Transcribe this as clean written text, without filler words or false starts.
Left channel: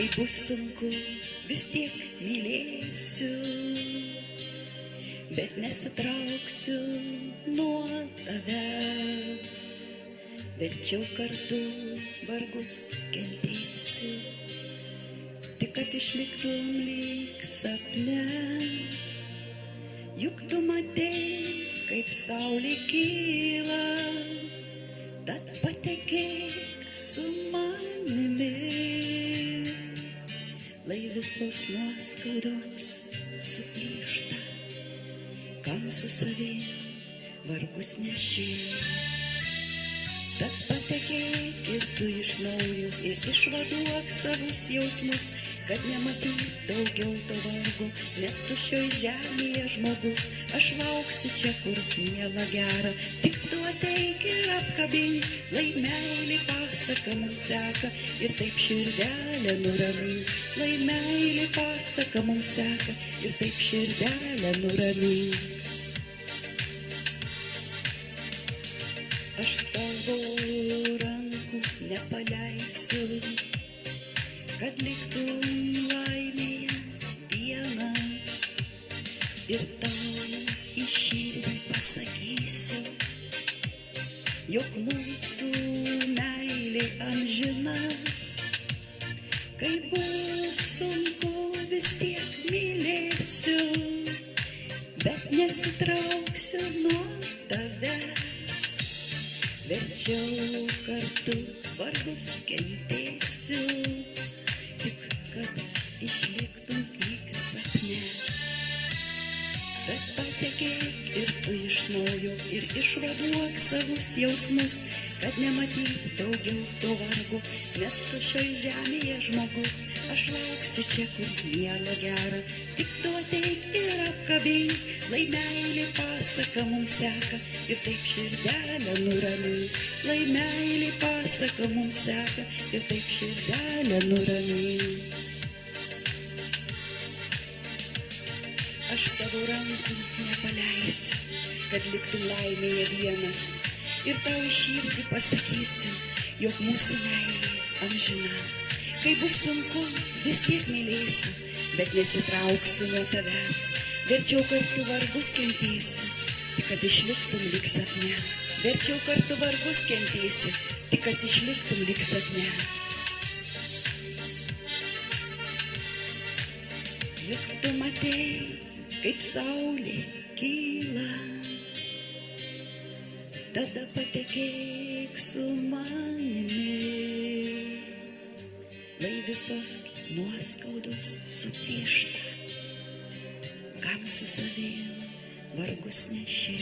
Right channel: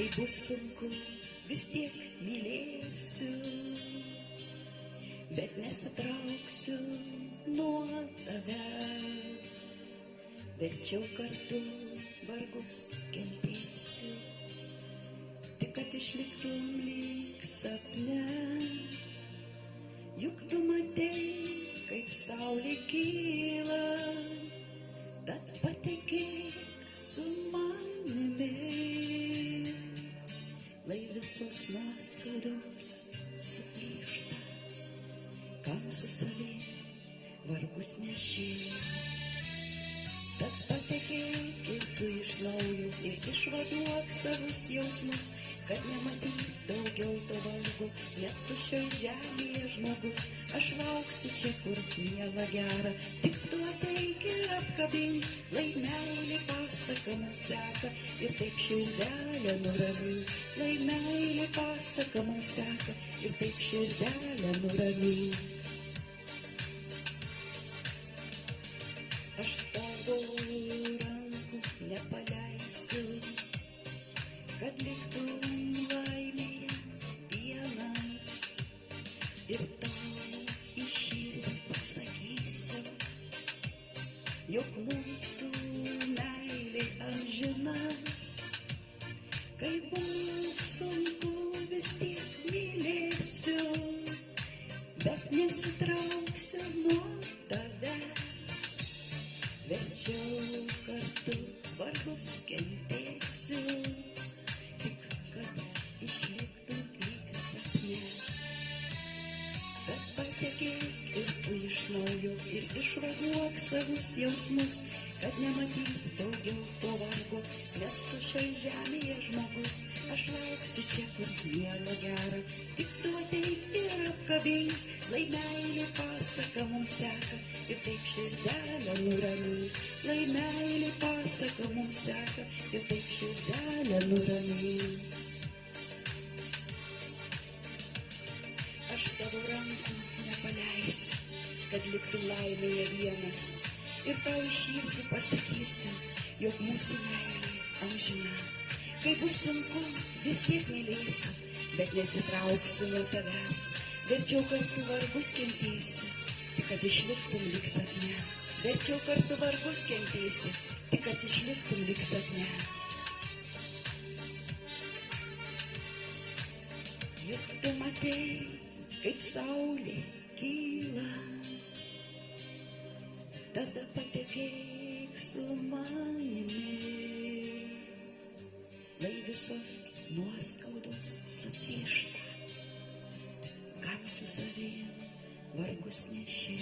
kai bus sunku, vis tiek mylėsiu, bet nesitrauksiu nuo tavęs, verčiau kartu vargus kentėsiu, tik kad išliktum lyg sapne, juk tu matei, kaip saulė kyla, tad patekėk su manimi, lai visos nuoskaudos suplyšta, kam su savim vargus neši. Tad patekėk ir tu iš naujo ir išvaduok savus jausmus, kad nematyt daugiau to vargo, nes tu šioj žemėje žmogus. Aš lauksiu čia, kur miela gera, tik tu ateik ir apkabink, lai meilė pasaka mums seka ir taip širdelę nuramink, lai meilė pasaka mums seka ir taip širdelę nuramink. Aš tavo rankų nepaleisiu, kad liktum laimėje vienas, ir tau į širdį pasakysiu, jog mūsų meilė amžina, kai bus sunku vis tiek mylėsiu, bet nesitrauksiu nuo tavęs. Verčiau kartu vargus kentėsiu, tik kad išliktum lyg sapne. Bet patekėk ir tu iš naujo ir išvaduok savus jausmus, kad nematyt daugiau to vargo, nes tu šioj žemėje žmogus. Aš lauksiu čia, kur miela gera, tik tu ateik ir apkabink, lai meilė pasaka mums seka ir taip širdelę nuramink, lai meilė pasaka mums seka ir taip širdelę nuramink. Aš tavo rankų nepaleisiu, kad liktum laimėje vienas, ir tau į širdį pasakysiu, jog mūsų meilė amžina. Kai bus sunku, vis tiek mylėsiu, bet nesitrauksiu nuo tavęs. Verčiau kartu vargus kentėsiu, tik kad išliktum lyg sapne. Verčiau kartu vargus kentėsiu, tik kad išliktum lyg sapne. Juk tu matei, kaip saulė kyla, tada patekėk su manimi, lai visos nuoskaudos suplyšta, kam su savim vargus neši.